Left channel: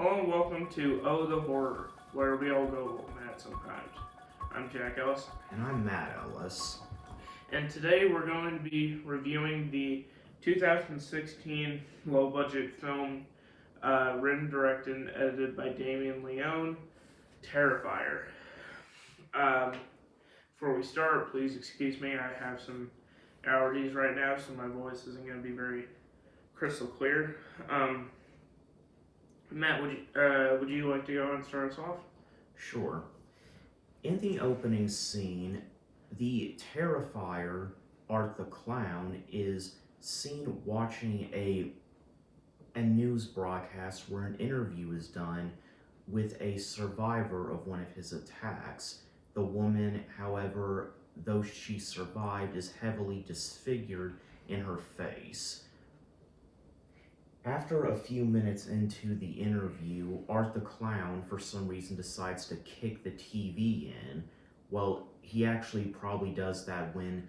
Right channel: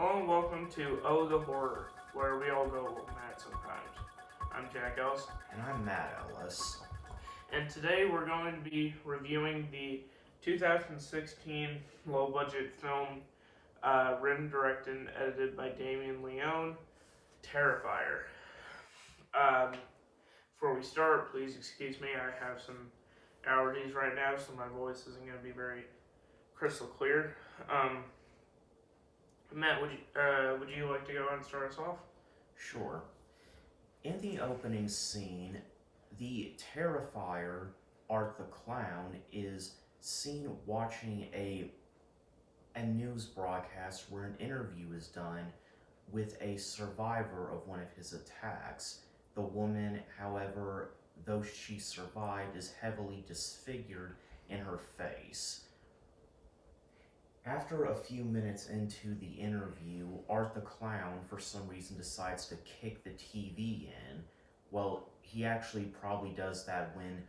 Hello and welcome to Oh the Horror, where we all go mad sometimes. I'm Jack Ellis, And I'm Matt Ellis. and today we're going to be reviewing the 2016 low budget film written, directed, and edited by Damien Leone, Terrifier. Um, Before we start, please excuse me, I have some allergies right now, so my voice isn't going to be very crystal clear. Matt, would you like to go and start us off? Sure. In the opening scene, the Terrifier, Art the Clown, is seen watching a news broadcast where an interview is done with a survivor of one of his attacks. The woman, however, though she survived, is heavily disfigured in her face. After a few minutes into the interview, Art the Clown, for some reason, decides to kick the TV in. Well, he actually probably does that when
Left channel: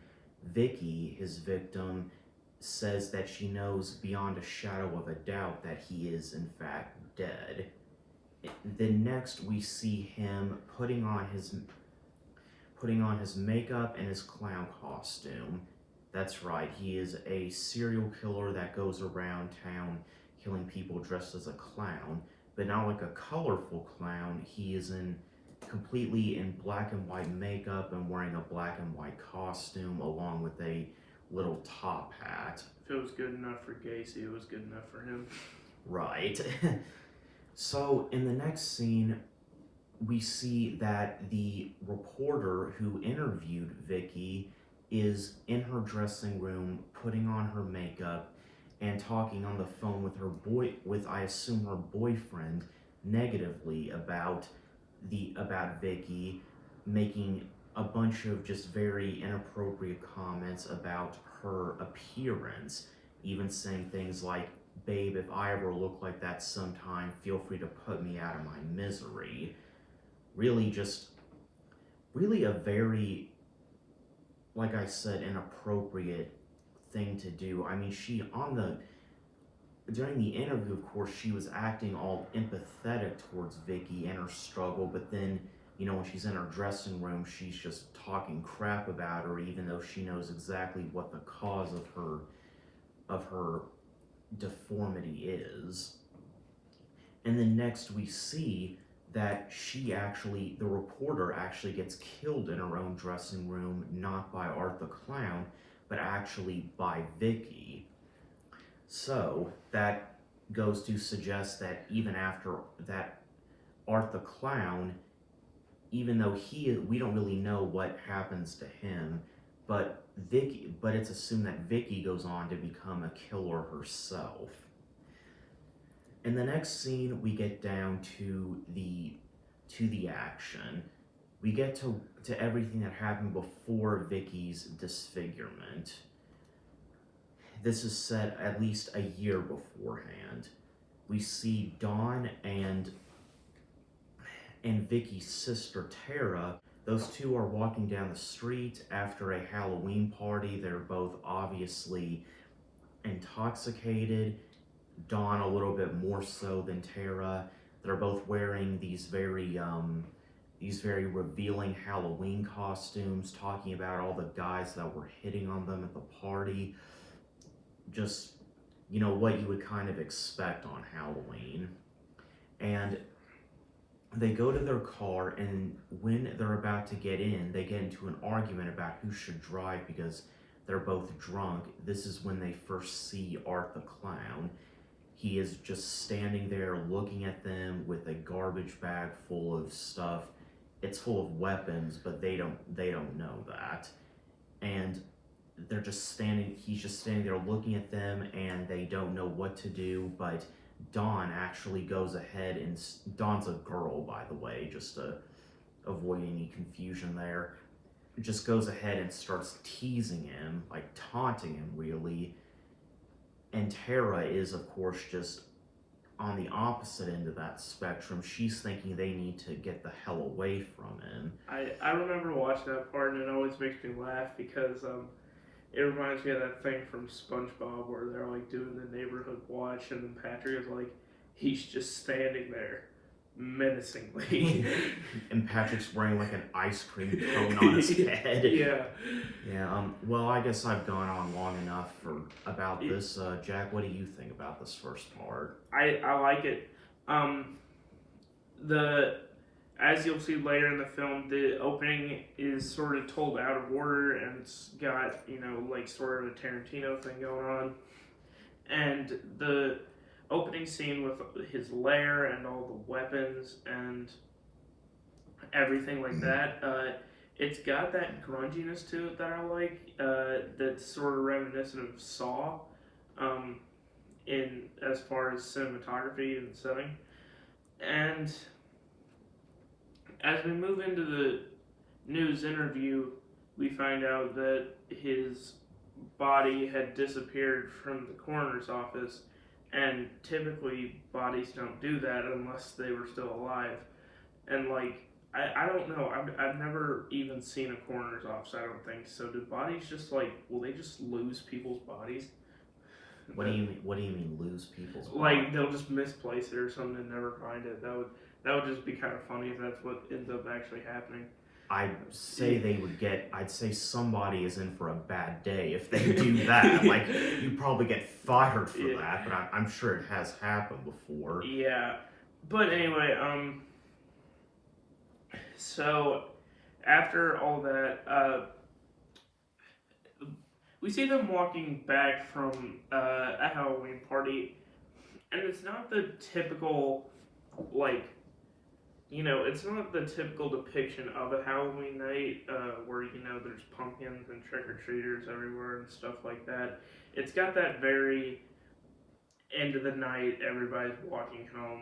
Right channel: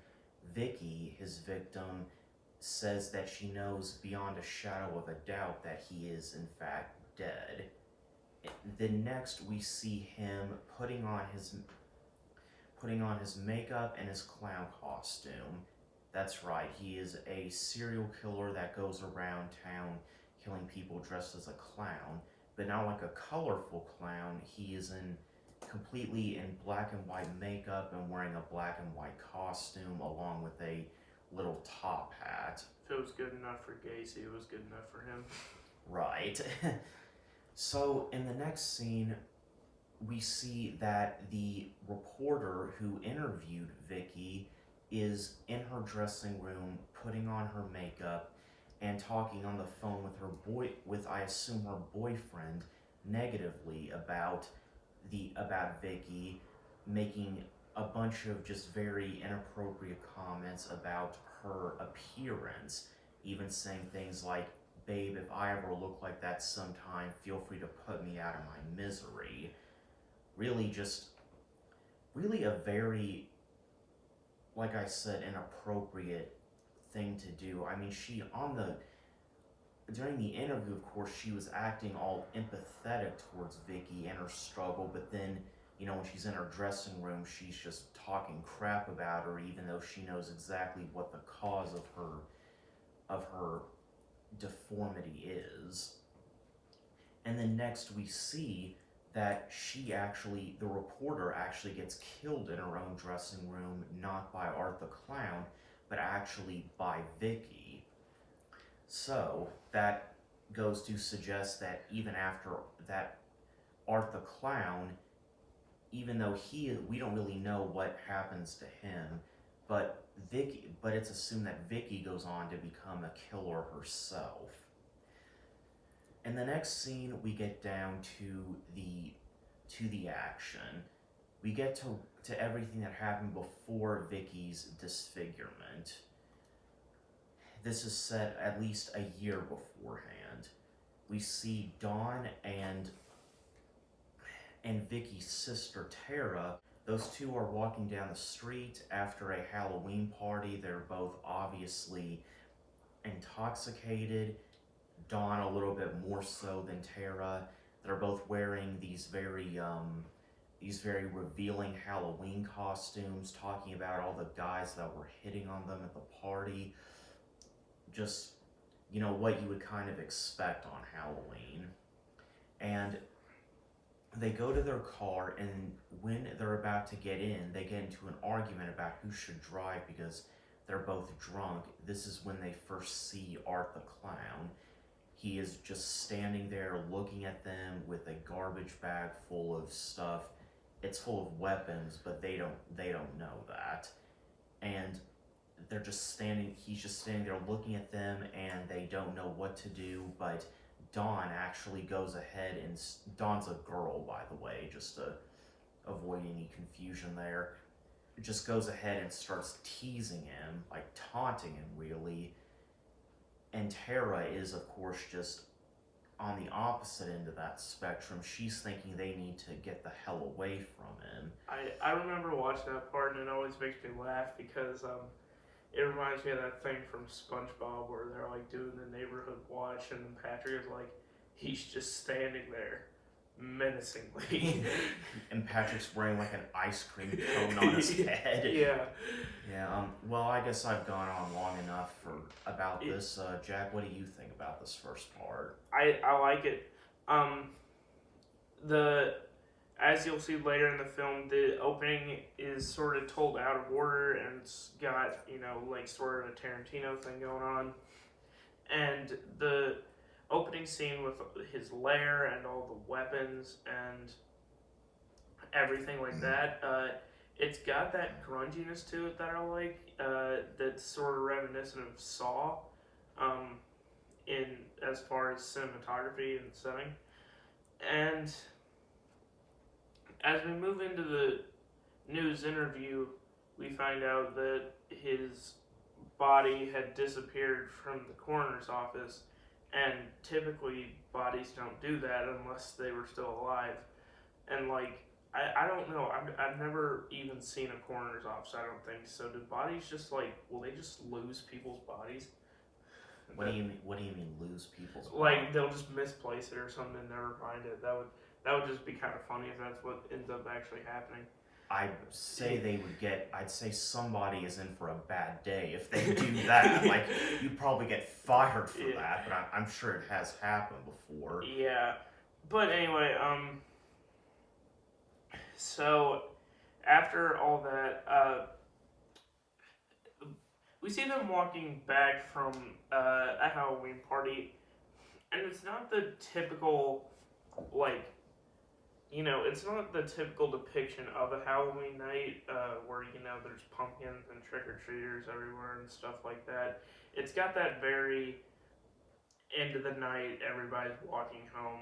Vicky, his victim, says that she knows beyond a shadow of a doubt that he is, in fact, dead. Then next we see him putting on his makeup and his clown costume. That's right, he is a serial killer that goes around town killing people dressed as a clown, but not like a colorful clown. He is completely in black and white makeup and wearing a black and white costume along with a little top hat. If it was good enough for Gacy, it was good enough for him. Right. So in the next scene, we see that the reporter who interviewed Vicky is in her dressing room putting on her makeup and talking on the phone with I assume her boyfriend negatively about Vicky, making a bunch of just very inappropriate comments about her appearance, even saying things like, "Babe, if I ever look like that sometime, feel free to put me out of my misery." Really a very, like I said, inappropriate thing to do. I mean, during the interview, of course, she was acting all empathetic towards Vicky and her struggle, but then, when she's in her dressing room, she's just talking crap about her, even though she knows exactly what the cause of her deformity is. And then next we see that the reporter actually gets killed in her own dressing room, not by Art the Clown, but actually by Vicky. So that goes to suggest that even after that, Art the Clown, even though we don't really know what happens to him, but it's assumed that Vicky goes on to become a killer herself. In the next scene, we get down to the action. We get to everything that happened before Vicky's disfigurement. This is set at least a year beforehand. We see Dawn and Vicky's sister Tara. Those two are walking down the street after a Halloween party. They're both obviously intoxicated. Dawn a little bit more so than Tara. They're both wearing these very revealing Halloween costumes, talking about all the guys that were hitting on them at the party. Just, what you would kind of expect on Halloween. And they go to their car, and when they're about to get in, they get into an argument about who should drive because they're both drunk. This is when they first see Art the Clown. He is just standing there looking at them with a garbage bag full of stuff. It's full of weapons, but they don't know that. And he's just standing there looking at them, and they don't know what to do, but Dawn actually goes ahead, and Dawn's a girl, by the way, just to avoid any confusion there, just goes ahead and starts teasing him, like taunting him really. And Tara is, of course, just on the opposite end of that spectrum. She's thinking they need to get the hell away from him. I remember watching that part, and it always makes me laugh because it reminds me of that thing from SpongeBob where they're like doing the neighborhood watch, and then Patrick is like, he's just standing there menacingly. And Patrick's wearing like an ice cream cone on his head. Yeah. Yeah. Well, I guess I've gone on long enough about this. Jack, what do you think about this first part? I like it. As you'll see later in the film, the opening is sort of told out of order, and it's got, like sort of a Tarantino thing going on. And the opening scene with his lair and all the weapons and everything like that, it's got that grunginess to it that I like, that's sort of reminiscent of Saw, in as far as cinematography and setting. And as we move into the news interview, we find out that his body had disappeared from the coroner's office, and typically bodies don't do that unless they were still alive. And like, I don't know, I've never even seen a coroner's office, I don't think. So do bodies just like, will they just lose people's bodies? What do you mean lose people's bodies? Like they'll just misplace it or something and never find it. That would just be kind of funny if that's what ends up actually happening. I'd say somebody is in for a bad day if they do that. Like, you'd probably get fired for that, but I'm sure it has happened before. Yeah. But anyway, so after all that, we see them walking back from a Halloween party, and it's not the typical, like, it's not the typical depiction of a Halloween night where, there's pumpkins and trick-or-treaters everywhere and stuff like that. It's got that very end of the night, everybody's walking home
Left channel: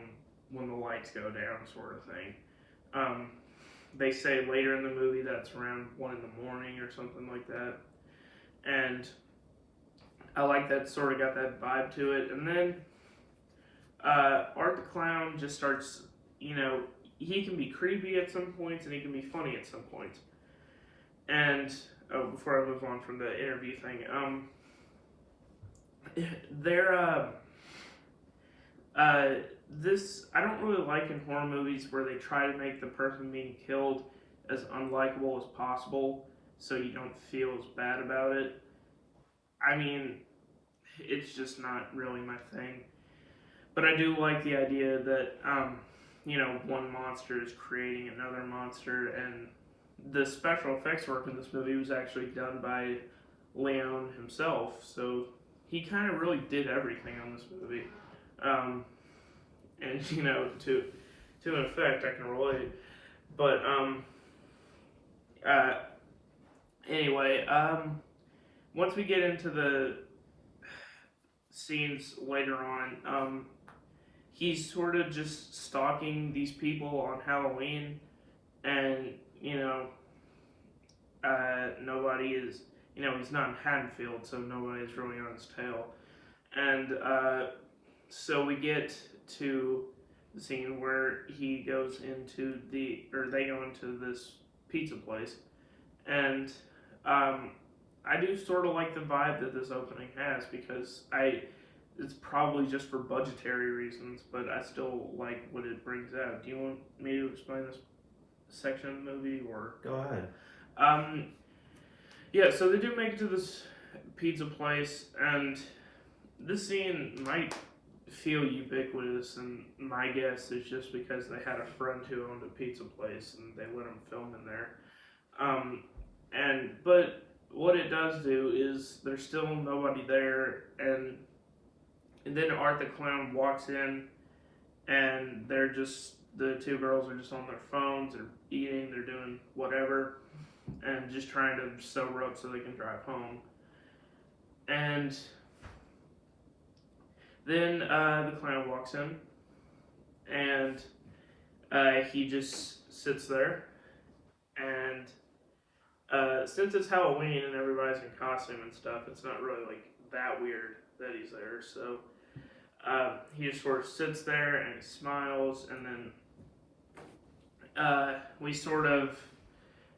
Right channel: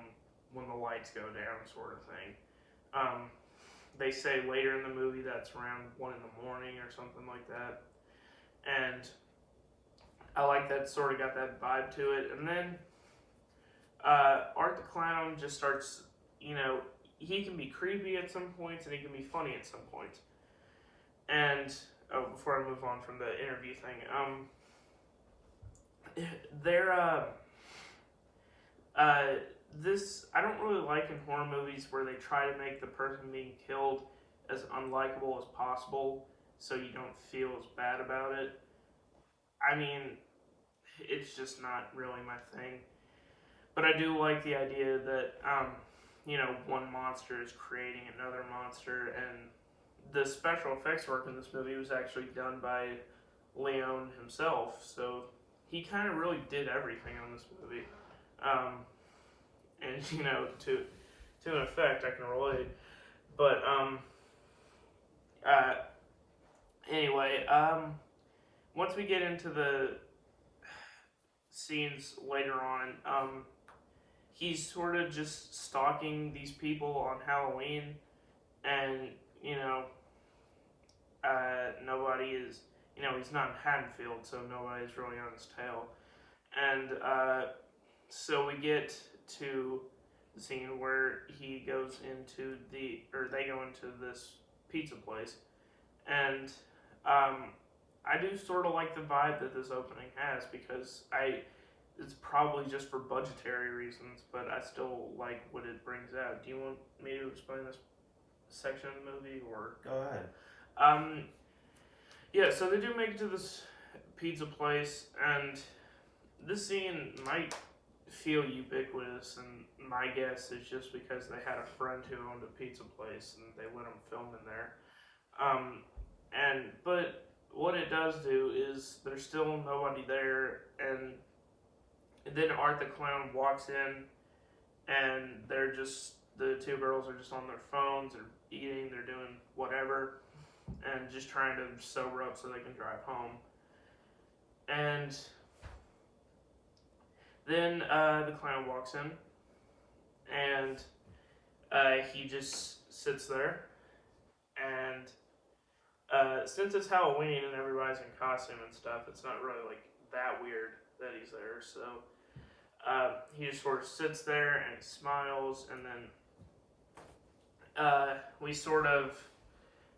when the lights go down sort of thing. They say later in the movie that's around 1 in the morning or something like that. And I like that, sort of got that vibe to it. And then Art the Clown just starts, he can be creepy at some points and he can be funny at some points. And before I move on from the interview thing, this I don't really like in horror movies where they try to make the person being killed as unlikable as possible so you don't feel as bad about it. I mean, it's just not really my thing. But I do like the idea that one monster is creating another monster, and the special effects work in this movie was actually done by Leone himself, so he kind of really did everything on this movie. And to an effect, I can relate. But anyway, once we get into the scenes later on, he's sort of just stalking these people on Halloween, and, nobody is, he's not in Haddonfield, so nobody's really on his tail. And so we get to the scene where he goes into they go into this pizza place, and I do sort of like the vibe that this opening has, because it's probably just for budgetary reasons, but I still like what it brings out. Do you want me to explain this section of the movie, or? Go ahead. Yeah, so they do make it to this pizza place, and this scene might feel ubiquitous, and my guess is just because they had a friend who owned a pizza place, and they let him film in there. But what it does do is there's still nobody there, and then Art the Clown walks in, and the two girls are just on their phones, they're eating, they're doing whatever, and just trying to sober up so they can drive home. And then the clown walks in, and he just sits there, and since it's Halloween and everybody's in costume and stuff, it's not really like that weird that he's there, so he just sort of sits there and he smiles, and then we sort of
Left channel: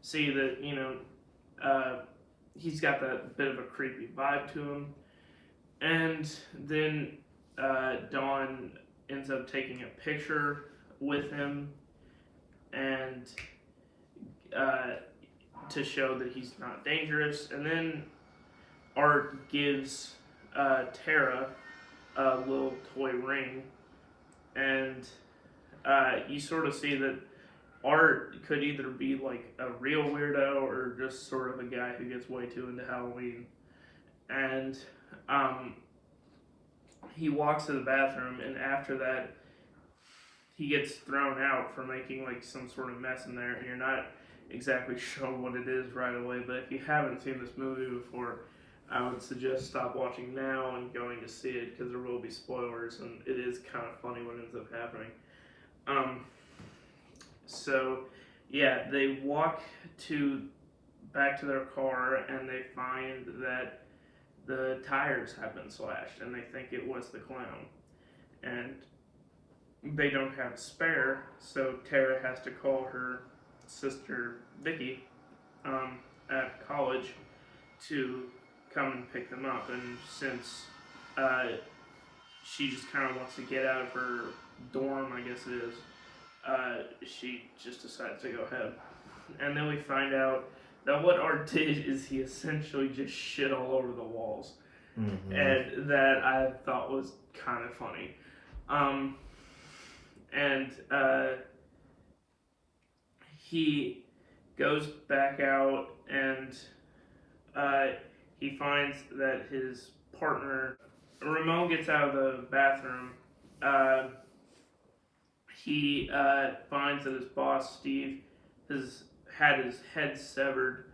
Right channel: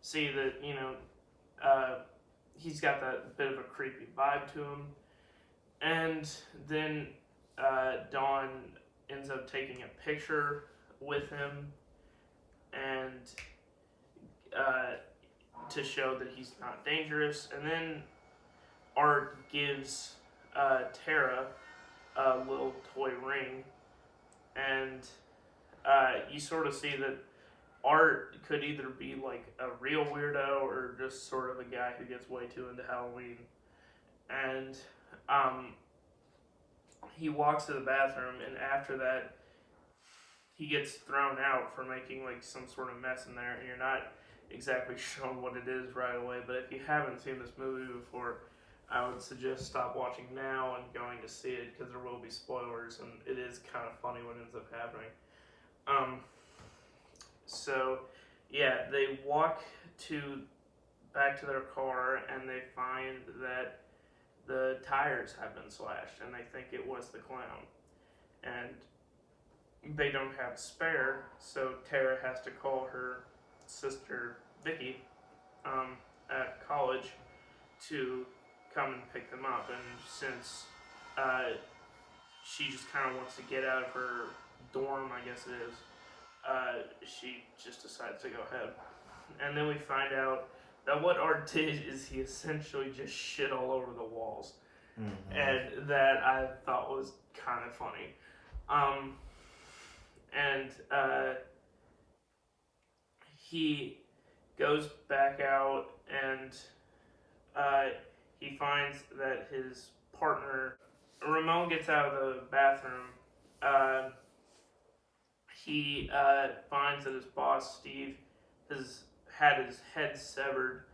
see that, he's got that bit of a creepy vibe to him. And then Dawn ends up taking a picture with him and to show that he's not dangerous. And then Art gives Tara a little toy ring, and you sort of see that Art could either be like a real weirdo or just sort of a guy who gets way too into Halloween. And he walks to the bathroom, and after that, he gets thrown out for making like some sort of mess in there, and you're not exactly sure what it is right away. But if you haven't seen this movie before, I would suggest stop watching now and going to see it, because there will be spoilers, and it is kind of funny what ends up happening. So yeah, they walk back to their car, and they find that the tires have been slashed, and they think it was the clown. And they don't have a spare, so Tara has to call her sister Vicky at college to come and pick them up. And since she just kind of wants to get out of her dorm, I guess it is, she just decides to go ahead. And then we find out that what Art did is he essentially just shit all over the walls. Mm-hmm. And that I thought was kind of funny. He goes back out, and he finds that his partner, Ramon, gets out of the bathroom. He finds that his boss, Steve, has had his head severed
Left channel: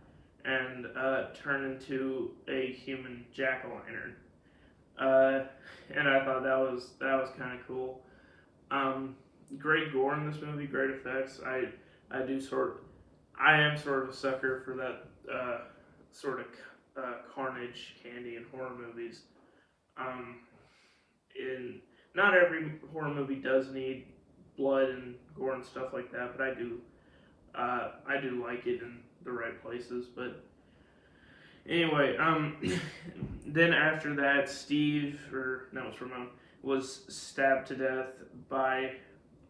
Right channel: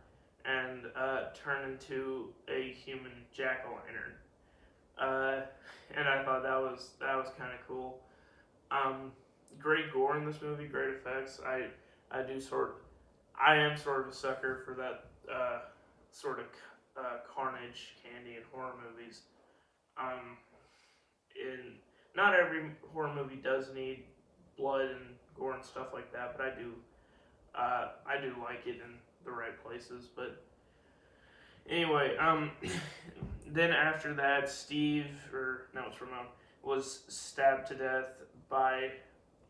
and turned into a human jack-o'-lantern. And I thought that was kind of cool. Great gore in this movie, great effects. I am sort of a sucker for that sort of carnage candy in horror movies. Not every horror movie does need blood and gore and stuff like that, but I do like it in the right places. But anyway, then after that, it's Ramon, was stabbed to death by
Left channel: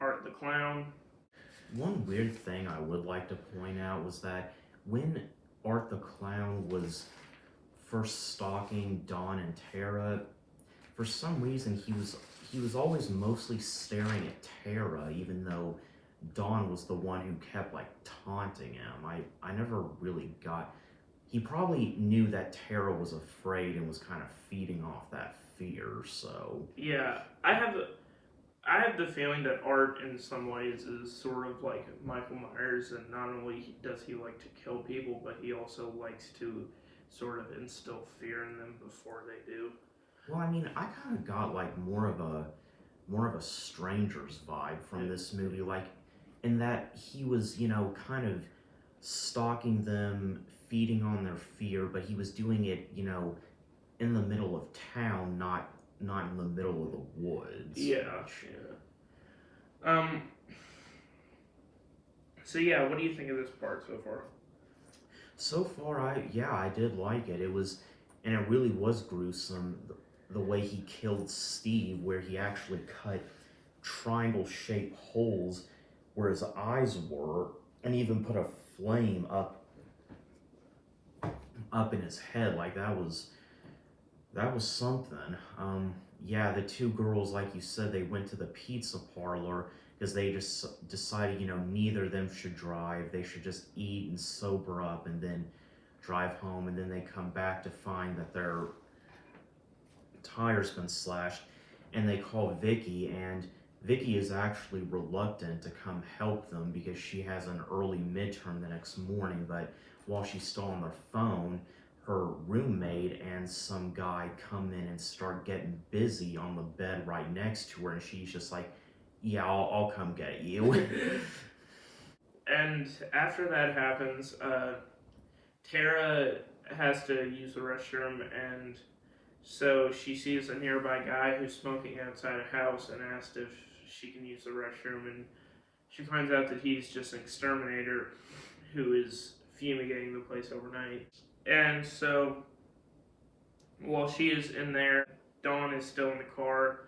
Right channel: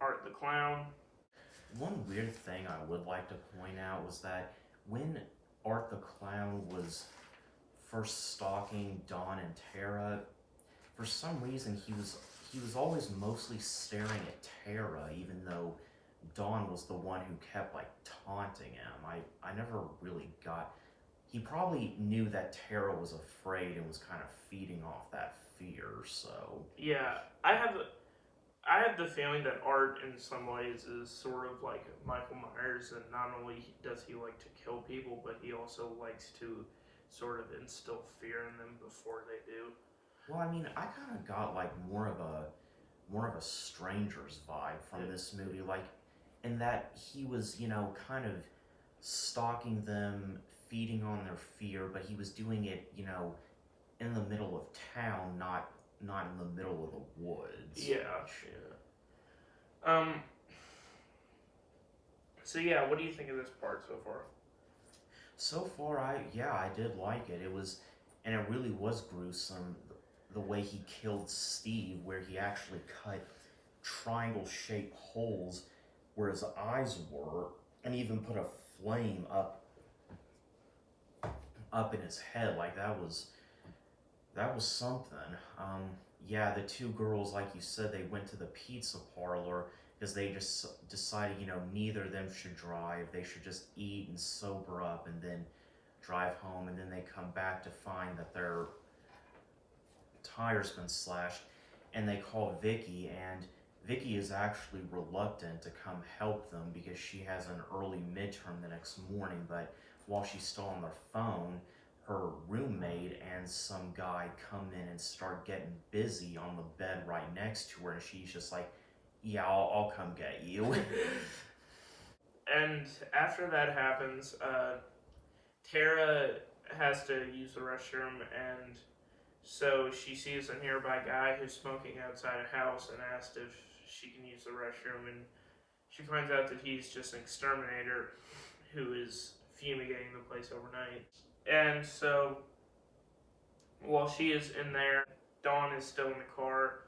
Art the Clown. One weird thing I would like to point out was that when Art the Clown was first stalking Dawn and Tara, for some reason he was always mostly staring at Tara, even though Dawn was the one who kept like taunting him. I never really got. He probably knew that Tara was afraid and was kind of feeding off that fear. So yeah, I have the feeling that Art in some ways is sort of like Michael Myers, and not only does he like to kill people, but he also likes to sort of instill fear in them before they do. Well, I mean, I kind of got like more of a Strangers vibe from this movie, like in that he was, kind of stalking them, feeding on their fear, but he was doing it, in the middle of town, not in the middle of the woods. Yeah. So yeah, what do you think of this part so far? So far, I did like it. And it really was gruesome. The way he killed Steve, where he actually cut triangle-shaped holes where his eyes were, and even put a flame up in his head. Like that was something. Yeah, the two girls, like you said, they went to the pizza parlor because they just decided, neither of them should drive. They should just eat and sober up and then drive home. And then they come back to find that their tire's been slashed, and they call Vicky, and Vicky is actually reluctant to come help them because she has an early midterm the next morning. But while she's still on their phone, her roommate and some guy come in and start getting busy on the bed right next to her, and she's just like, yeah, I'll come get you. And after that happens, Tara has to use the restroom, and so she sees a nearby guy who's smoking outside a house and asks if she can use the restroom, and she finds out that he's just an exterminator who is fumigating the place overnight. And so while she is in there, Dawn is still in the car,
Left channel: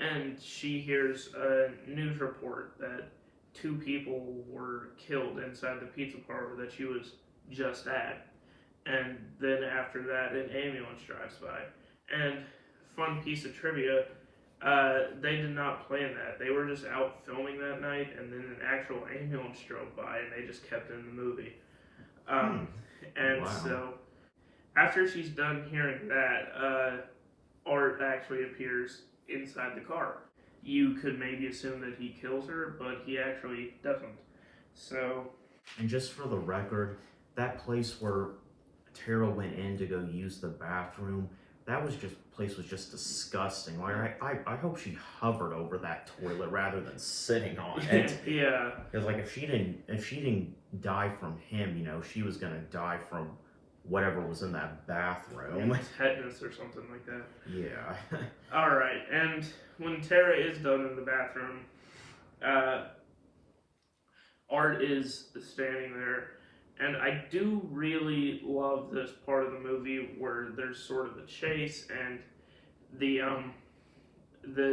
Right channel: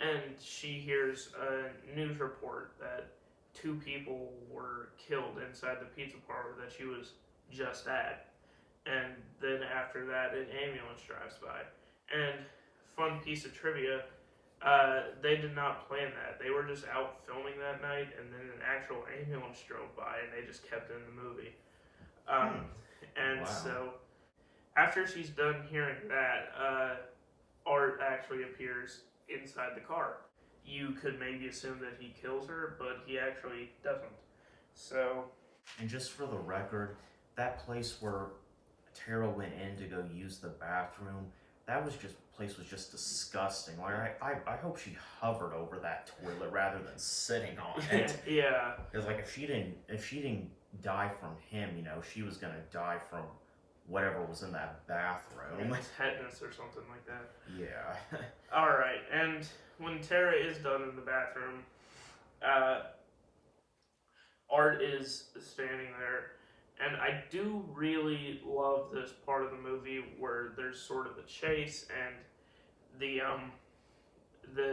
and she hears a news report that 2 people were killed inside the pizza parlor that she was just at. And then after that, an ambulance drives by. And fun piece of trivia, they did not plan that. They were just out filming that night, and then an actual ambulance drove by, and they just kept it in the movie. And Wow. so, after she's done hearing that, Art actually appears inside the car. You could maybe assume that he kills her, but he actually doesn't. So, And just for the record, that place where Tara went in to go use the bathroom, that was just place was just disgusting. Like I hope she hovered over that toilet rather than sitting on it. yeah. Because like if she didn't die from him, you know, she was gonna die from whatever was in that bathroom. Tetanus or something like that. Yeah. Alright, and when Tara is done in the bathroom, Art is standing there, and I do really love this part of the movie where there's sort of a chase, and the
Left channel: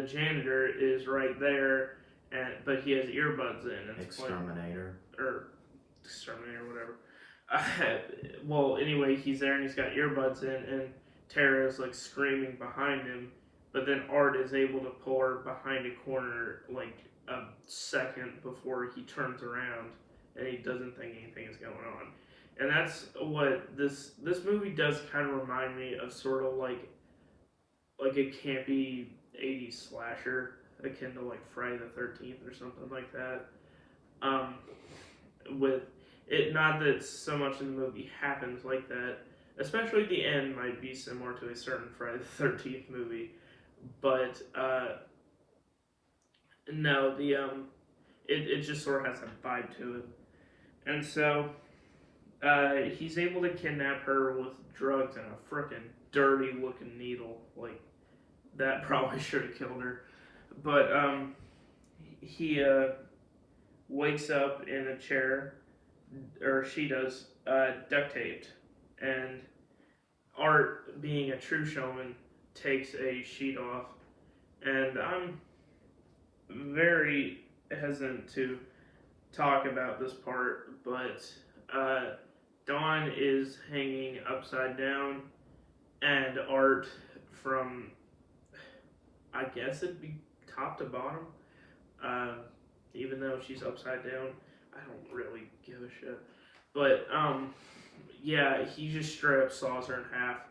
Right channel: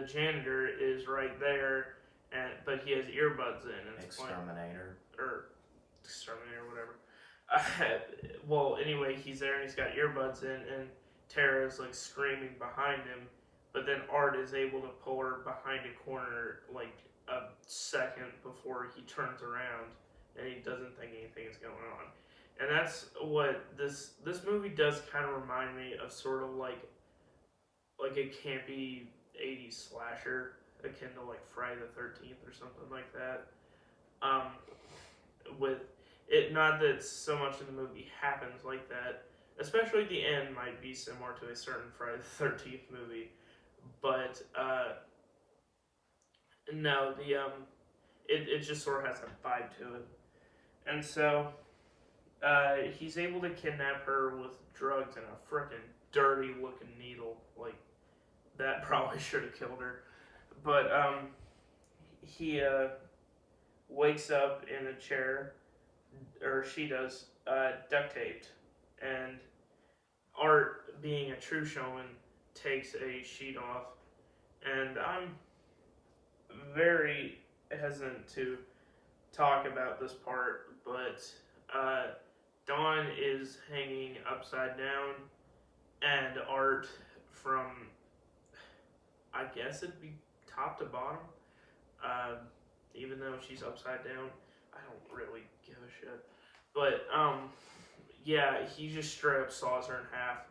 janitor is right there, but he has earbuds in. And Exterminator. Or exterminator, whatever. Well, anyway, he's there and he's got earbuds in, and Tara's like screaming behind him, but then Art is able to pull her behind a corner like a second before he turns around, and he doesn't think anything is going on. And that's what this movie does kind of remind me of, sort of like a campy 80s slasher, akin to like Friday the 13th or something like that. With it, not that so much in the movie happens like that, especially the end might be similar to a certain Friday the 13th movie, but no, it just sort of has a vibe to it. And so he's able to kidnap her with drugs and a frickin' dirty looking needle. Like, that probably should have killed her. But he wakes up in a chair, or she does, duct taped, and Art, being a true showman, takes a sheet off, and I'm very hesitant to talk about this part, but Dawn is hanging upside down, and Art, from, I guess it'd be top to bottom, even though she's upside down, I don't really give a shit. But yeah, he just straight up saws her in half,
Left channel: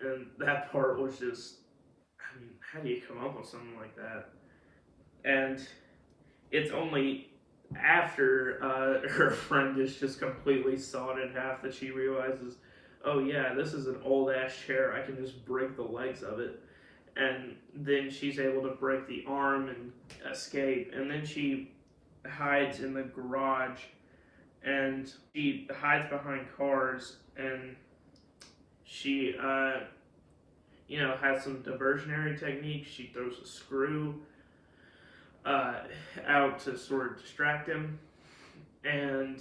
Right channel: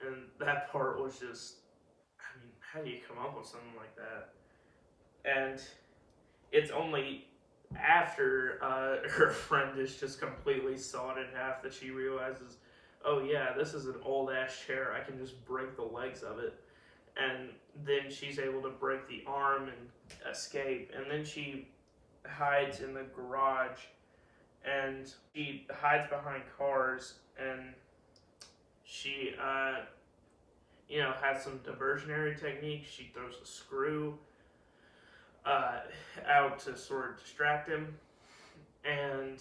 and that part was just, I mean, how do you come up with something like that? And it's only after her friend is just completely sawed in half that she realizes, oh yeah, this is an old ass chair, I can just break the legs of it. And then she's able to break the arm and escape, and then she hides in the garage, and she hides behind cars, and she has some diversionary techniques. She throws a screw out to sort of distract him, and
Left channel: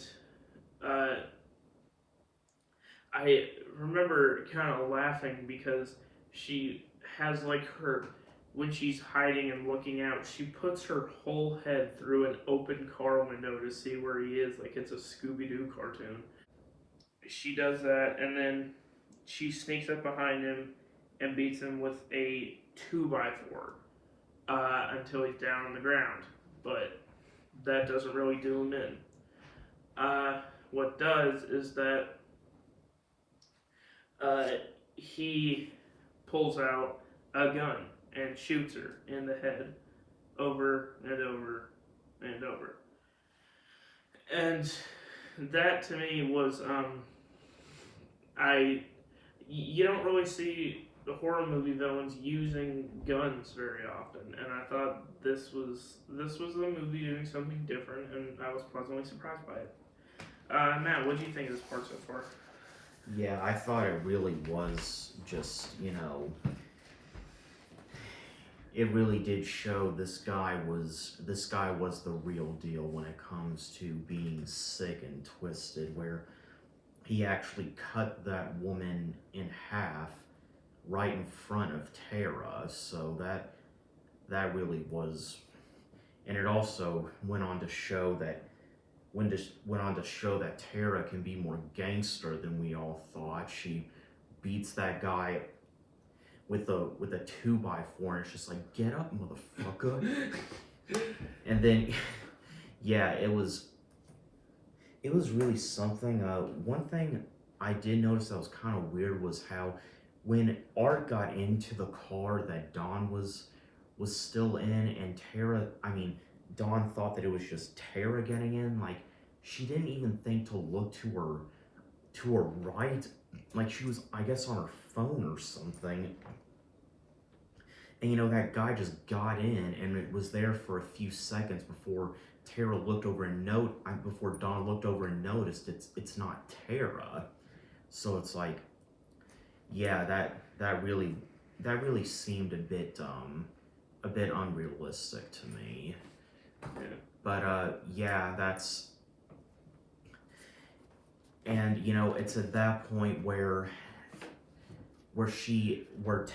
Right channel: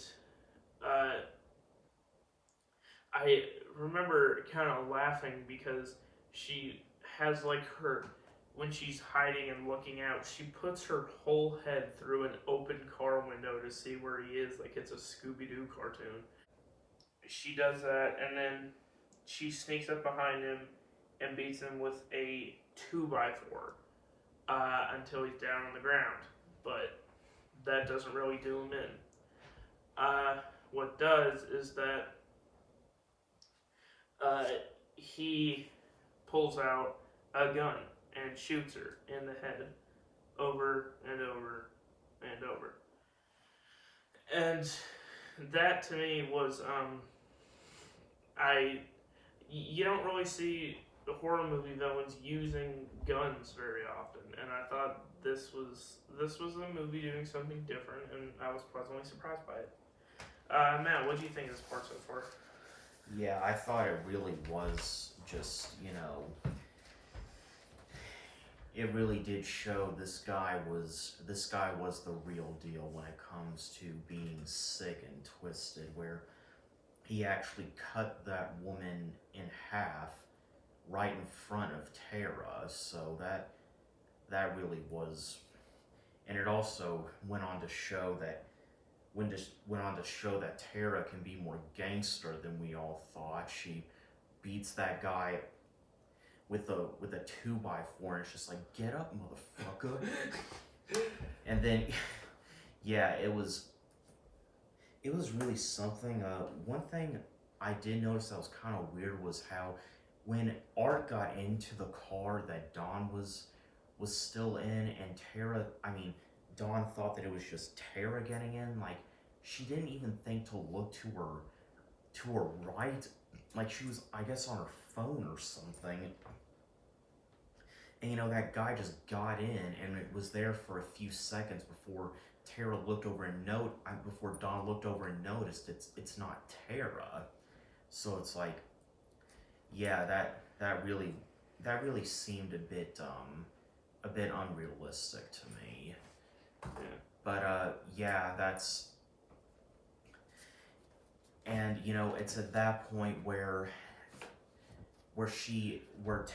I remember kind of laughing because she has like when she's hiding and looking out, she puts her whole head through an open car window to see where he is, like it's a Scooby-Doo cartoon. She does that, and then she sneaks up behind him and beats him with a 2x4 until he's down on the ground. But that doesn't really do him in. What does is that he pulls out a gun and shoots her in the head over and over and over. And that to me was, you don't really see the horror movie villains using guns very often, and I thought this was a movie doing something different, and I was pleasantly surprised by it. Matt, what do you think of this part so far? Yeah, I thought it really was just, it really did show this guy was the real deal when it comes to being sick and twisted, where he actually cut that woman in half right in front of Tara. So that really was, and it also went on to show that Tara can be more gangster than we all thought. She beats that guy with a 2x4, and it's just like, get up, motherfucker. And then, yeah, it was really something. One thing I did notice that was kind of weird was how when Art got into the car that Dawn was still in, and Dawn thought that it was just Tara getting in. Like, she didn't even think to look to her right, like she was, I guess, on her phone or something. And that guy just got in, and it was there for a few seconds before Tara looked over and before Dawn looked over and noticed it's not Tara. So it's like, yeah, that really seemed a bit unrealistic to me. But yeah, that's, and it's at that point where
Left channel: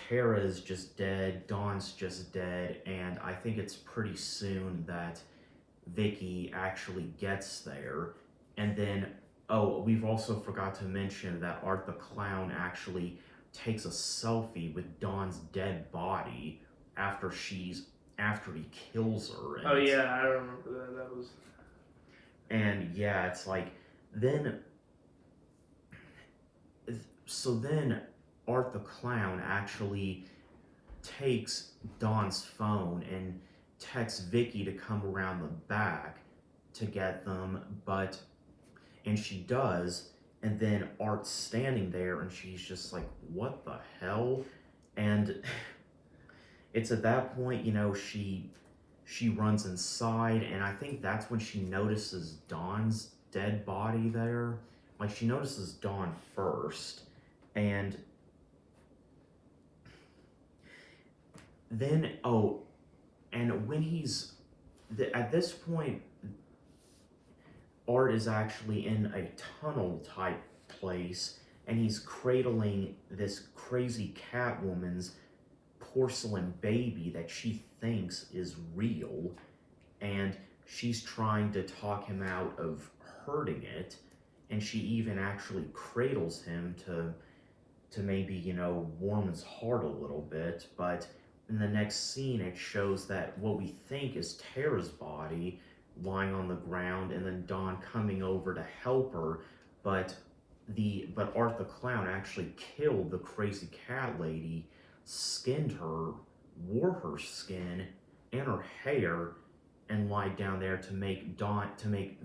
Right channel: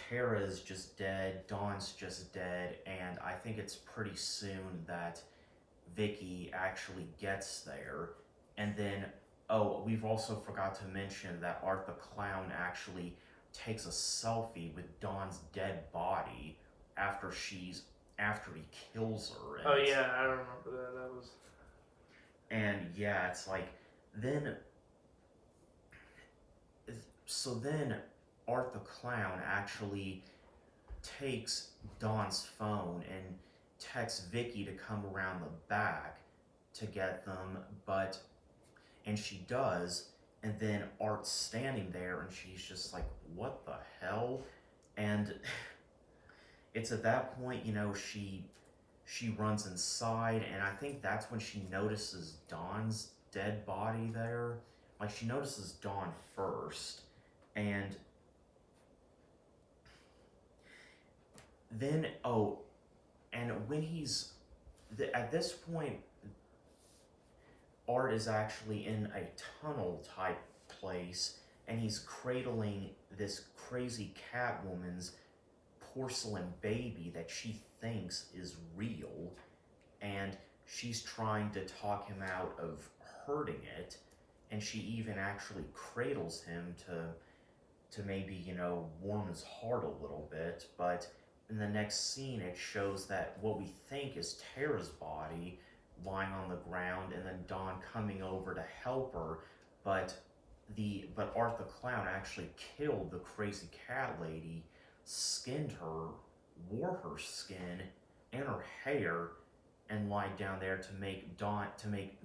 Tara is just dead, Dawn's just dead, and I think it's pretty soon that Vicky actually gets there. And then, oh, we've also forgot to mention that Art the Clown actually takes a selfie with Dawn's dead body after he kills her. Oh yeah, I remember that. That was. And yeah, it's like, then Art the Clown actually takes Dawn's phone and texts Vicky to come around the back to get them, and she does, and then Art's standing there and she's just like, what the hell? And it's at that point, she runs inside, and I think that's when she notices Dawn's dead body there. Like, she notices Dawn first, and then, and when at this point, Art is actually in a tunnel type place, and he's cradling this crazy Catwoman's porcelain baby that she thinks is real, and she's trying to talk him out of hurting it, and she even actually cradles him to maybe, warm his heart a little bit. But in the next scene, it shows that what we think is Tara's body lying on the ground, and then Dawn coming over to help her, but Art the Clown actually killed the crazy cat lady, skinned her, wore her skin and her hair, and lied down there to make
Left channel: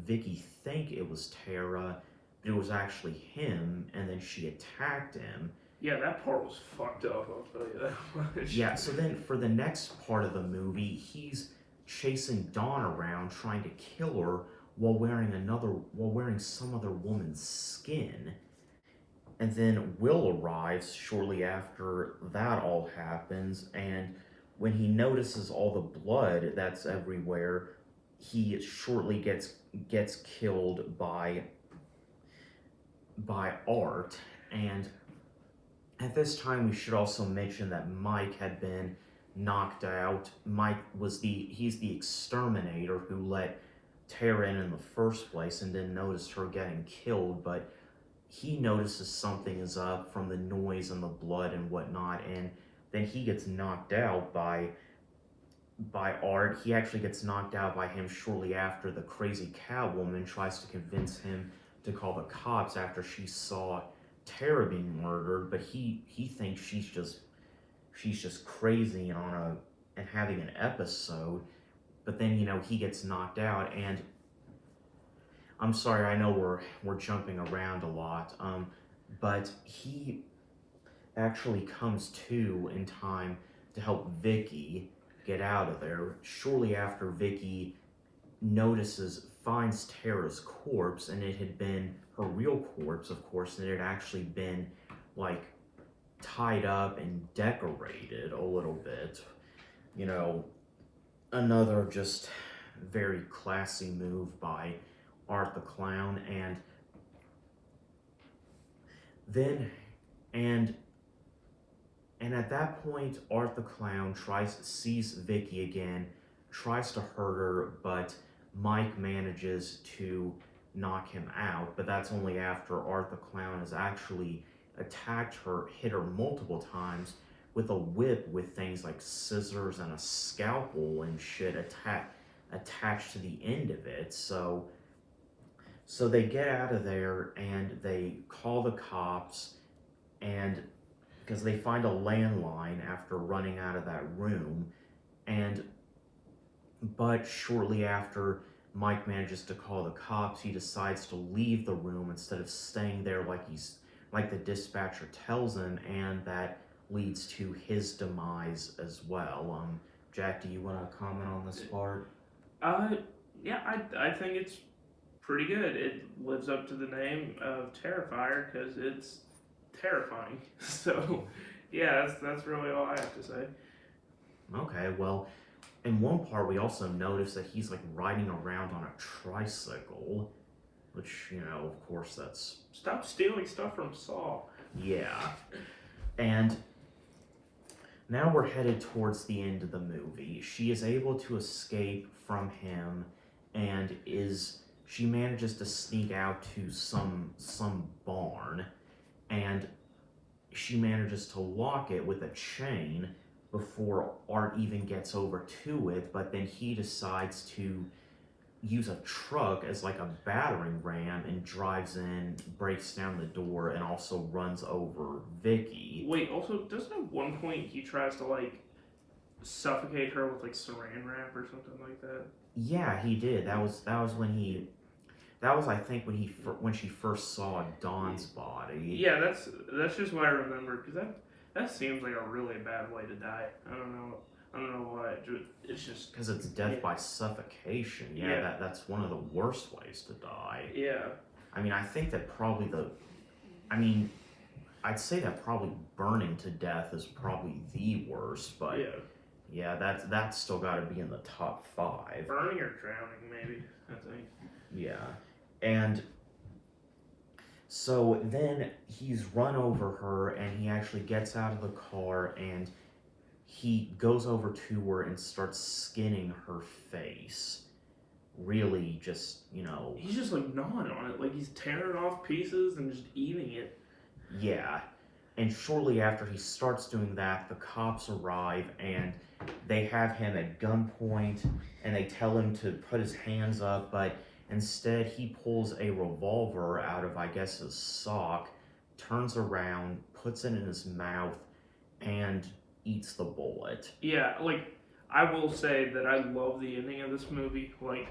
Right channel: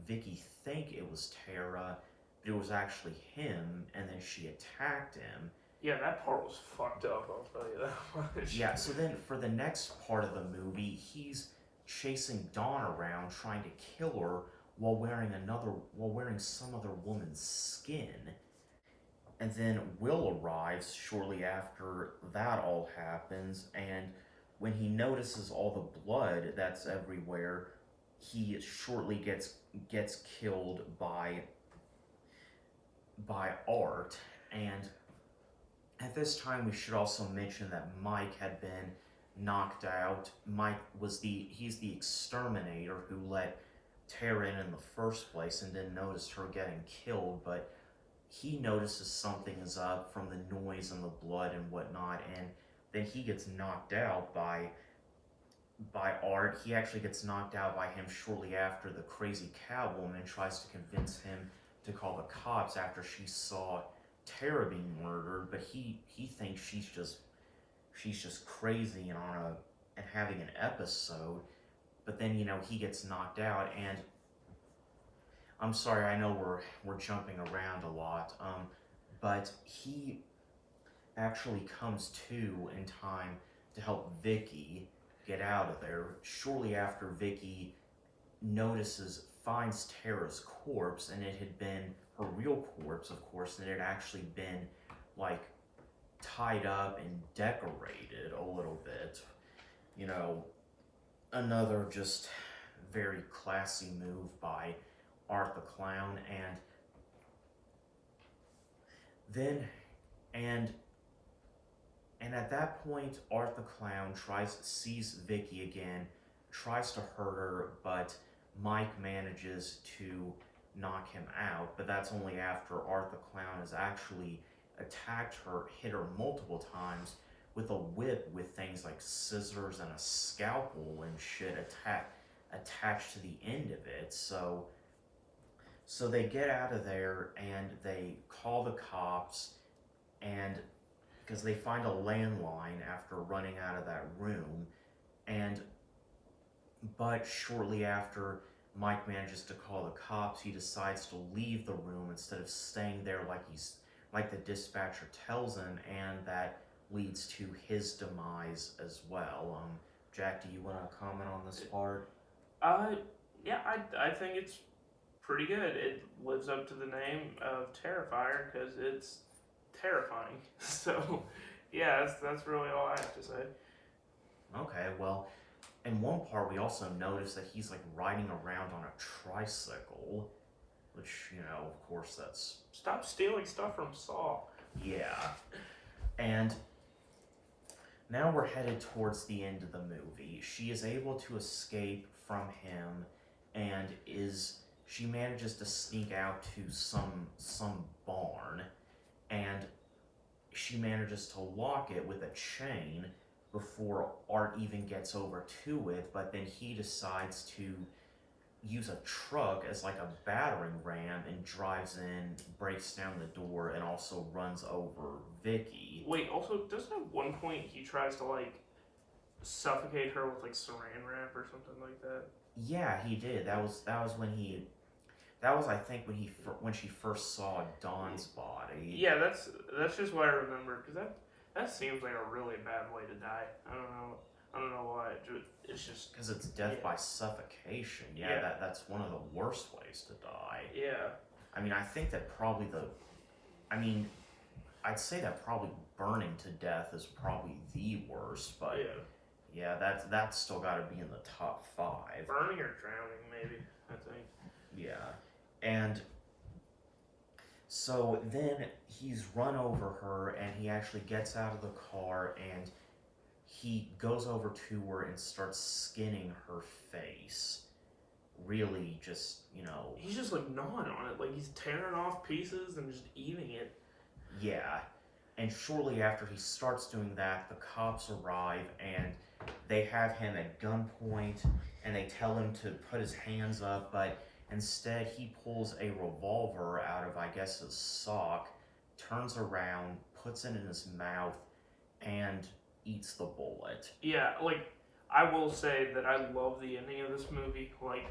Vicky think it was Tara, but it was actually him, and then she attacked him. Yeah, that part was fucked up, I'll tell you that much. Yeah, so then for the next part of the movie, he's chasing Dawn around trying to kill her while wearing some other woman's skin. And then Will arrives shortly after that all happens, and when he notices all the blood that's everywhere, he shortly gets killed by Art. And at this time, we should also mention that Mike had been knocked out. Mike was he's the exterminator who let Tara in the first place and didn't notice her getting killed, but he notices something is up from the noise and the blood and whatnot, and then he gets knocked out by Art. He actually gets knocked out by him shortly after the crazy Catwoman tries to convince him to call the cops after she saw Tara being murdered, but he thinks she's just crazy and having an episode. But then he gets knocked out, and I'm sorry, I know we're jumping around a lot, but he actually comes to in time to help Vicky get out of there. Shortly after Vicky finds Tara's corpse, and it had been her real corpse, of course, and it had actually been like tied up and decorated a little bit. Another just very classy move by Art the Clown. And And at that point, Art the Clown sees Vicky again, tries to hurt her, but Mike manages to knock him out. But that's only after Art the Clown has actually attacked her, hit her multiple times with a whip with things like scissors and a scalpel and shit attached to the end of it. So they get out of there and they call the cops, and because they find a landline after running out of that room, but shortly after Mike manages to call the cops, he decides to leave the room instead of staying there like the dispatcher tells him, and that leads to his demise as well. Jack, do you want to comment on this part? Yeah, I think it's pretty good. It lives up to the name of Terrifier because it's terrifying. So, yeah, that's really all I have to say. Okay, well, in one part we also notice that he's like riding around on a tricycle, which, you know, of course that's... Stop stealing stuff from Saw. Yeah. And now we're headed towards the end of the movie. She is able to escape from him and she manages to sneak out to some barn, and she manages to lock it with a chain before Art even gets over to it, but then he decides to use a truck as like a battering ram and drives in, breaks down the door, and also runs over Vicky. Wait, also, doesn't at one point he tries to like suffocate her with like saran wrap or something like that? Yeah, he did. That was I think when she first saw Dawn's body. Yeah, that's just what I remember, because that seems like a really bad way to die. I don't know why. It's just because it's death by suffocation. Yeah, that's one of the worst ways to die. Yeah. I mean, I think that probably I'd say that probably burning to death is probably the worst, but yeah, that's still got to be in the top 5. Burning or drowning, maybe, I think. Yeah, and so then he's run over her, and he actually gets out of the car, and he goes over to her and starts skinning her face. Really, just, you know... He's just, like, gnawing on it. Like, he's tearing off pieces and just eating it. Yeah. And shortly after he starts doing that, the cops arrive, and they have him at gunpoint, and they tell him to put his hands up, but instead he pulls a revolver out of, I guess, his sock, turns around, puts it in his mouth, and eats the bullet. Yeah, like, I will say that I love the ending of this movie. Like,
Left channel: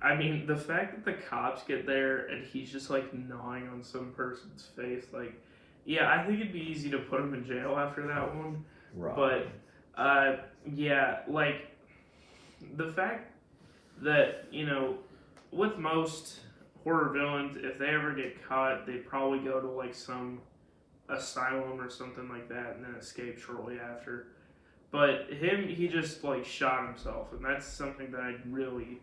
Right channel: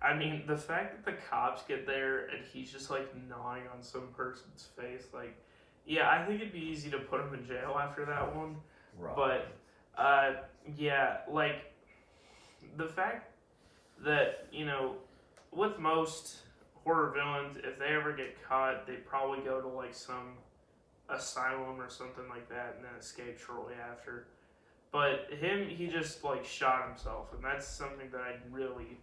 I mean, the fact that the cops get there and he's just, like, gnawing on some person's face, like, yeah, I think it'd be easy to put him in jail after that one. Right. But, yeah, like, the fact that, you know, with most horror villains, if they ever get caught, they probably go to, like, some asylum or something like that and then escape shortly after. But he just, like, shot himself, and that's something that I really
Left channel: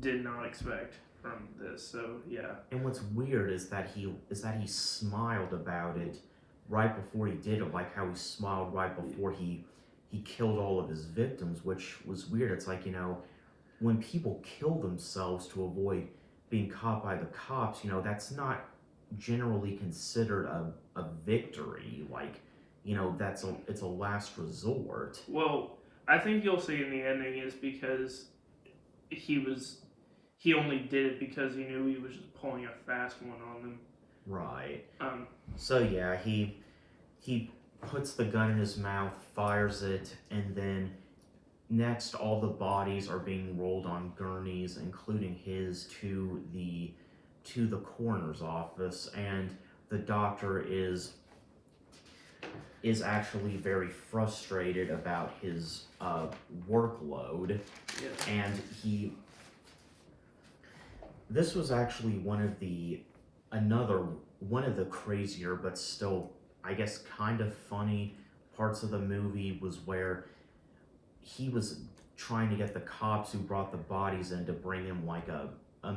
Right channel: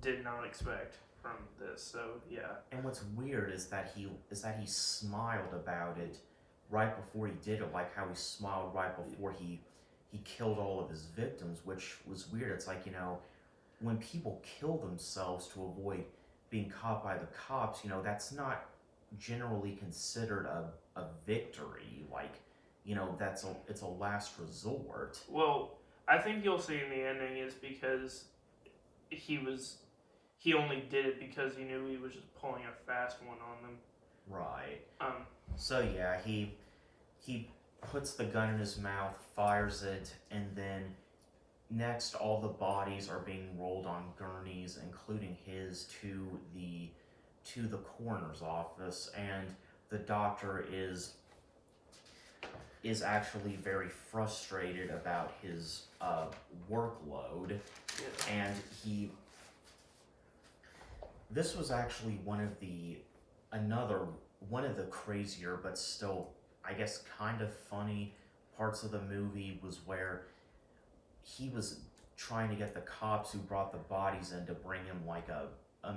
did not expect from this. So yeah. And what's weird is that he smiled about it right before he did it, like how he smiled right before he killed all of his victims, which was weird. It's like, you know, when people kill themselves to avoid being caught by the cops, you know, that's not generally considered a victory. Like, you know, it's a last resort. Well, I think you'll see in the ending is because he only did it because he knew he was just pulling a fast one on them. Right. So yeah, he puts the gun in his mouth, fires it, and then next all the bodies are being rolled on gurneys, including his, to the coroner's office, and the doctor is actually very frustrated about his workload. Yeah. And this was actually one of the crazier but still, I guess, kind of funny parts of the movie was where he was trying to get the cops who brought the bodies in to bring him like a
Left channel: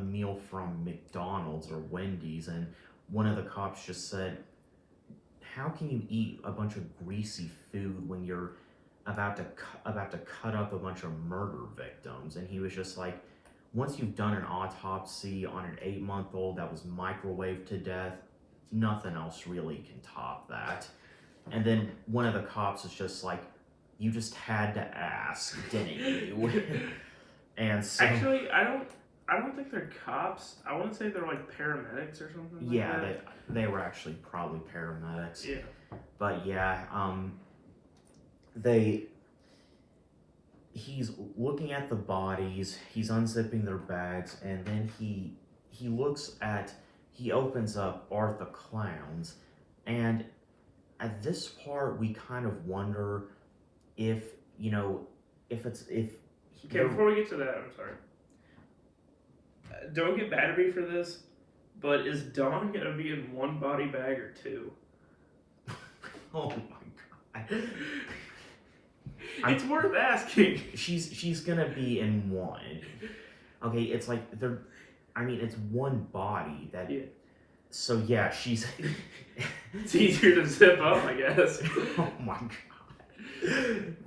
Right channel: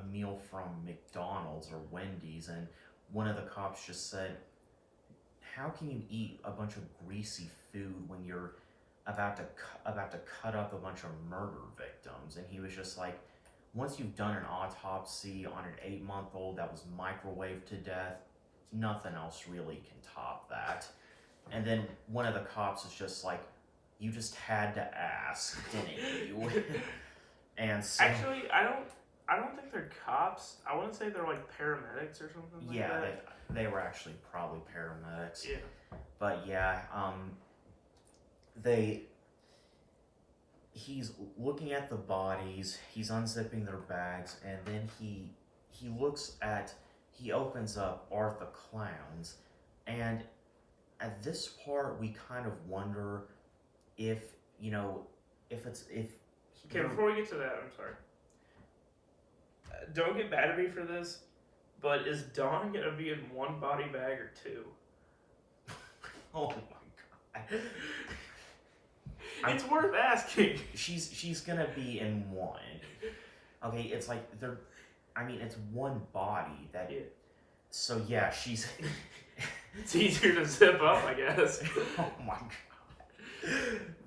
meal from McDonald's or Wendy's, and one of the cops just said, how can you eat a bunch of greasy food when you're about to cut up a bunch of murder victims? And he was just like, once you've done an autopsy on an 8-month-old that was microwaved to death, nothing else really can top that. And then one of the cops is just like, you just had to ask, didn't you? And so, actually, I don't think they're cops. I want to say they're like paramedics or something. yeah, like that. they were actually probably paramedics. Yeah. But yeah, he's looking at the bodies, he's unzipping their bags, and then he opens up Art the Clown's, and at this part we kind of wonder if, Okay, before we get to that, I'm sorry. Don't get mad at me for this, but is Dawn gonna be in one body bag or two? Oh my god. It's worth asking. She's gonna be in one. Okay, it's like it's one body that. Yeah. So yeah, she's. It's easier to zip up, I guess. Oh my god.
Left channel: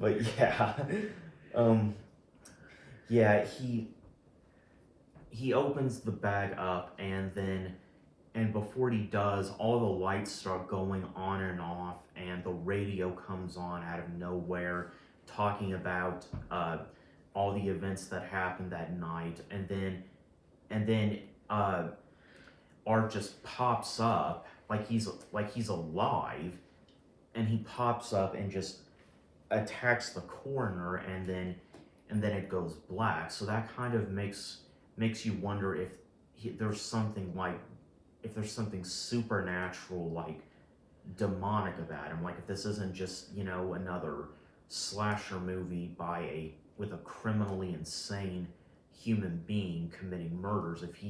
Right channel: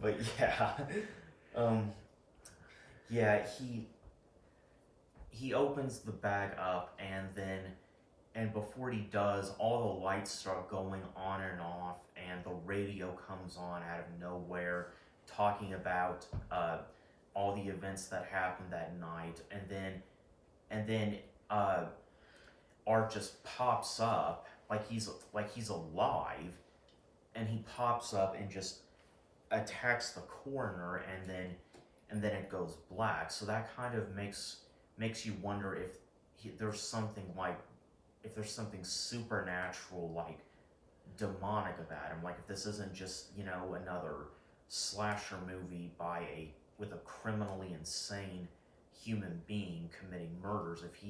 But yeah, yeah, he opens the bag up, and before he does, all the lights start going on and off, and the radio comes on out of nowhere, talking about all the events that happened that night, and then Art just pops up like he's alive, and he pops up and just attacks the coroner, and then it goes black. So that kind of makes you wonder if there's something supernatural, like demonic about him. Like if this isn't just another slasher movie with a criminally insane human being committing murders. If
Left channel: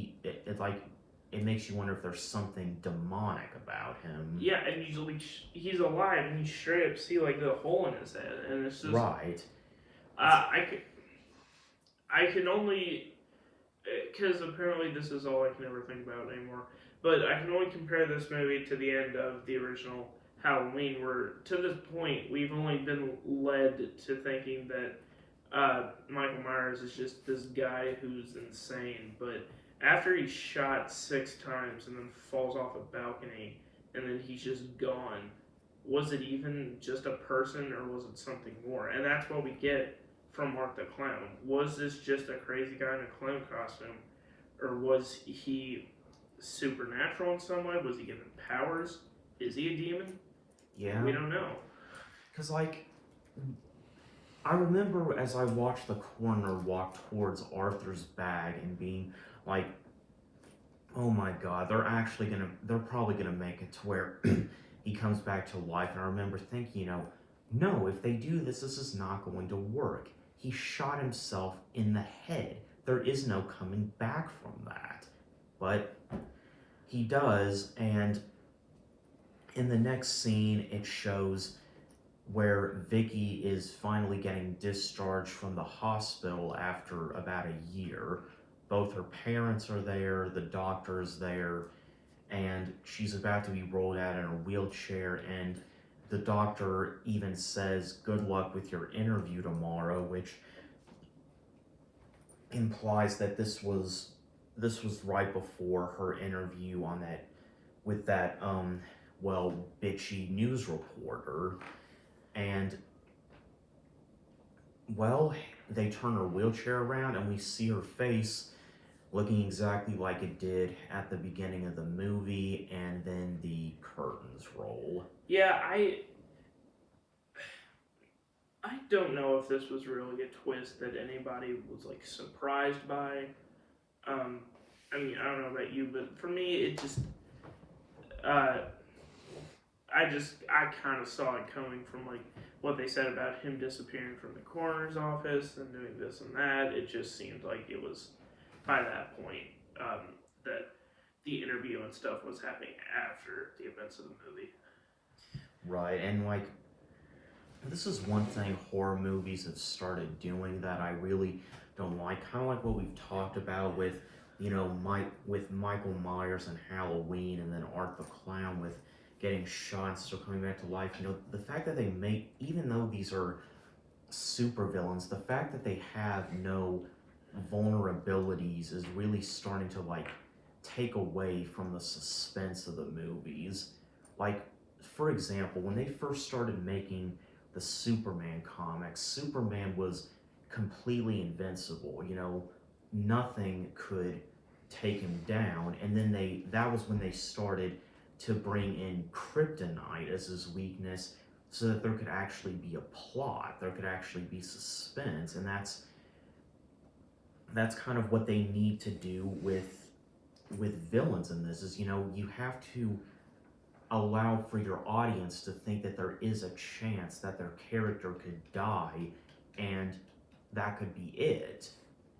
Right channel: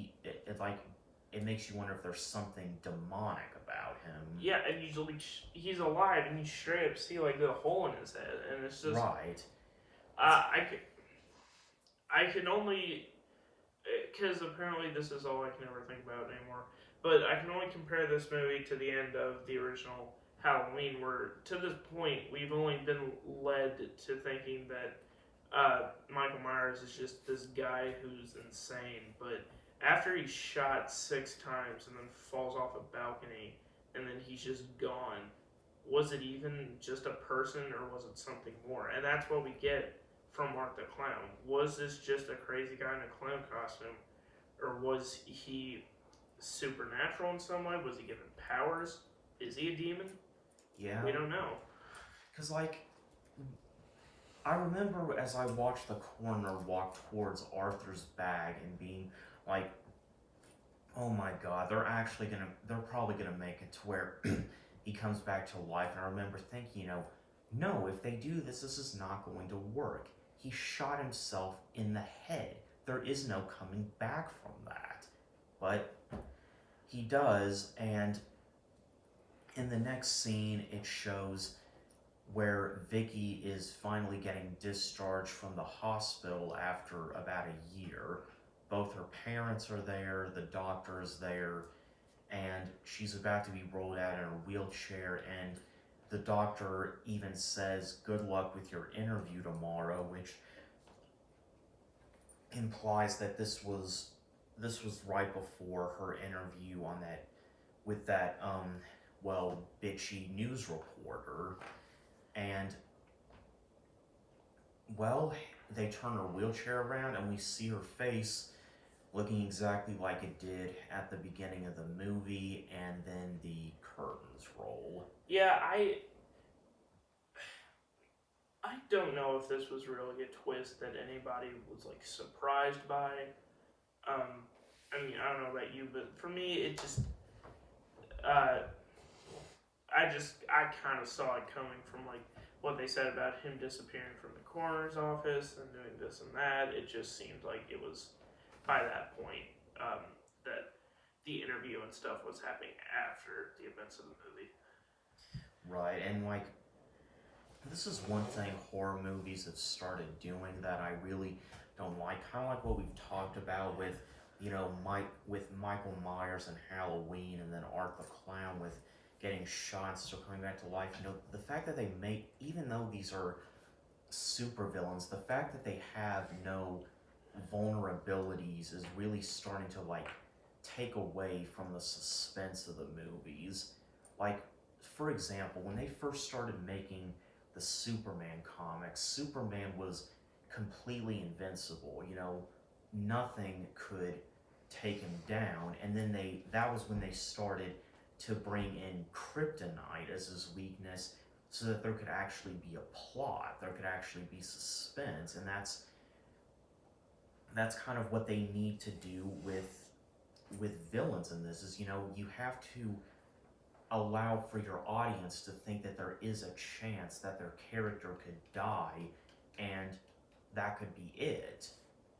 it makes you wonder if there's something demonic about him. Yeah, and he's alive, and you straight up see like the hole in his head, and it's just right. I can only, because apparently this is all I can ever think about anymore. But I can only compare this movie to the end of the original Halloween, where to this point we've only been led to thinking that Michael Myers is just this guy who's insane, but after he's shot 6 times and then falls off a balcony and then he's just gone, was it even just a person or was it something more? And that's what we get from Mark the Clown. Was this just a crazy guy in a clown costume, or was he supernatural in some way? Was he given powers? Is he a demon? Yeah. We don't know. Because, I remember as I watched the coroner walk towards Arthur's bag and being like, oh my god, they're probably gonna make it to where he comes back to life. And I remember thinking, no, if they do this is not going to work. He shot himself in the head. There is no coming back from that. But he does, and in the next scene, it shows where Vicky is finally getting discharged from the hospital after about a year. Both her parents are there, the doctor's there, and she's about to be rolled out in a wheelchair, and the doctor even says, good luck with your interview tomorrow, which implies that this was right before her interview with that bitchy news reporter. And they turn her wheelchair around and we see her face looking exactly like it did at the beginning of the movie, and then the curtains roll. Yeah, I don't know if this was really a twist that anybody was surprised by. I mean, I don't know about you, but for me, it just I kind of saw it coming from what they said about him disappearing from the coroner's office and doing this and that. It just seemed like it was by that point that the interview and stuff was happening after the events of the movie. Right, and this is one thing horror movies have started doing that I really don't like. Kind of like what we've talked about with Michael Myers and Halloween, and then Art the Clown with getting shot and still coming back to life. You know, the fact that they make, even though these are super villains, the fact that they have no vulnerabilities is really starting to like take away from the suspense of the movies. Like, for example, when they first started making the Superman comics, Superman was completely invincible. You know, nothing could take him down. And then that was when they started to bring in kryptonite as his weakness, so that there could actually be a plot, there could actually be suspense. And that's kind of what they need to do with villains in this. Is, you know, you have to allow for your audience to think that there is a chance that their character could die, and that could be it.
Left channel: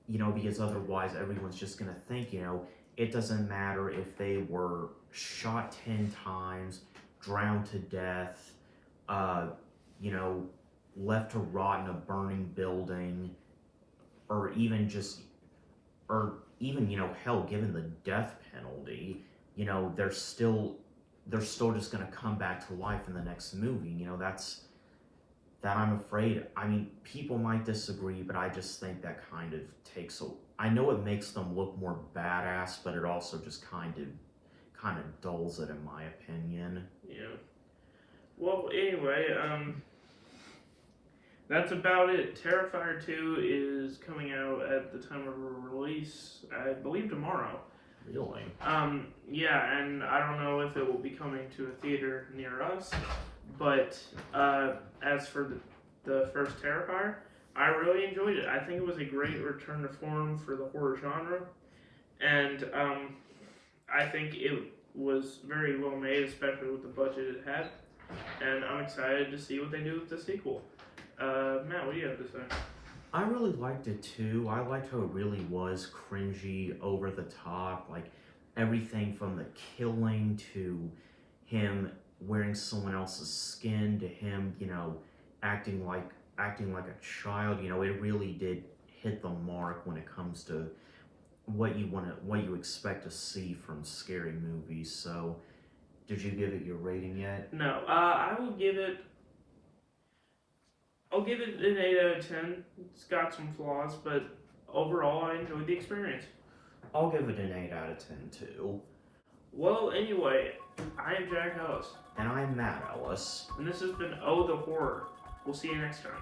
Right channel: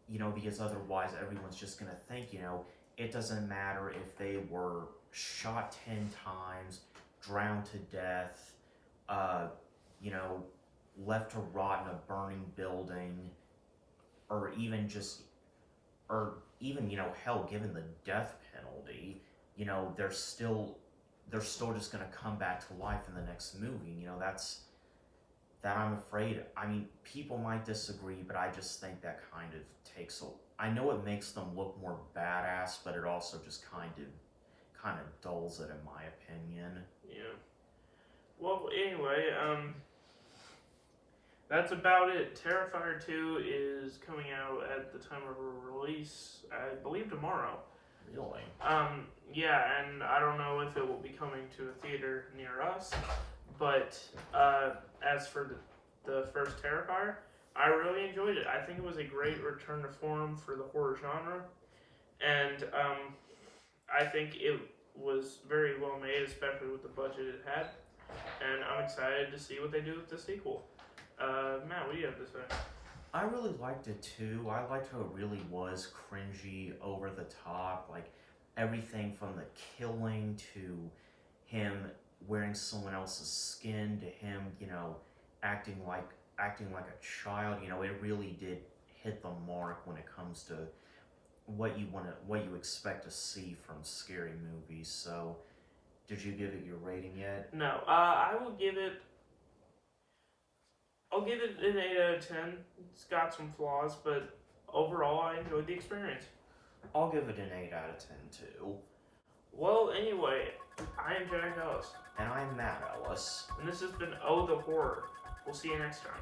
You know, because otherwise everyone's just gonna think, you know, it doesn't matter if they were shot 10 times, drowned to death, you know, left to rot in a burning building, or even you know, hell, given the death penalty, you know, they're still just gonna come back to life in the next movie. You know, that I'm afraid, I mean, people might disagree, but I just think that kind of takes I know it makes them look more badass, but it also just kind of dulls it, in my opinion. Yeah. Well, anyway, that's about it. Terrifier 2 is coming out at the time of release, I believe tomorrow. Really? Yeah, and I don't know if it will be coming to a theater near us, but as for the first Terrifier, I really enjoyed it. I think it was a great return to form for the horror genre, and I think it was very well made, especially with the budget it had, and I'm excited to see what they do with the sequel. Matt, what do you have to say? I really liked it too. I liked how it really was cringy, over the top, like everything from the killing to him wearing someone else's skin to him, you know, acting like a child. You know, it really did hit the mark when it comes to what you expect to see from scary movies. So, did you give it your rating yet? No, I'll give it an 8 out of 10. It's got some flaws, but overall I enjoyed the experience. I'll give it an 8 out of 10 too. Well, anyway, I am Jack Ellis. And I'm Matt Ellis. And this has been Oh the Horror. We'll see you next time.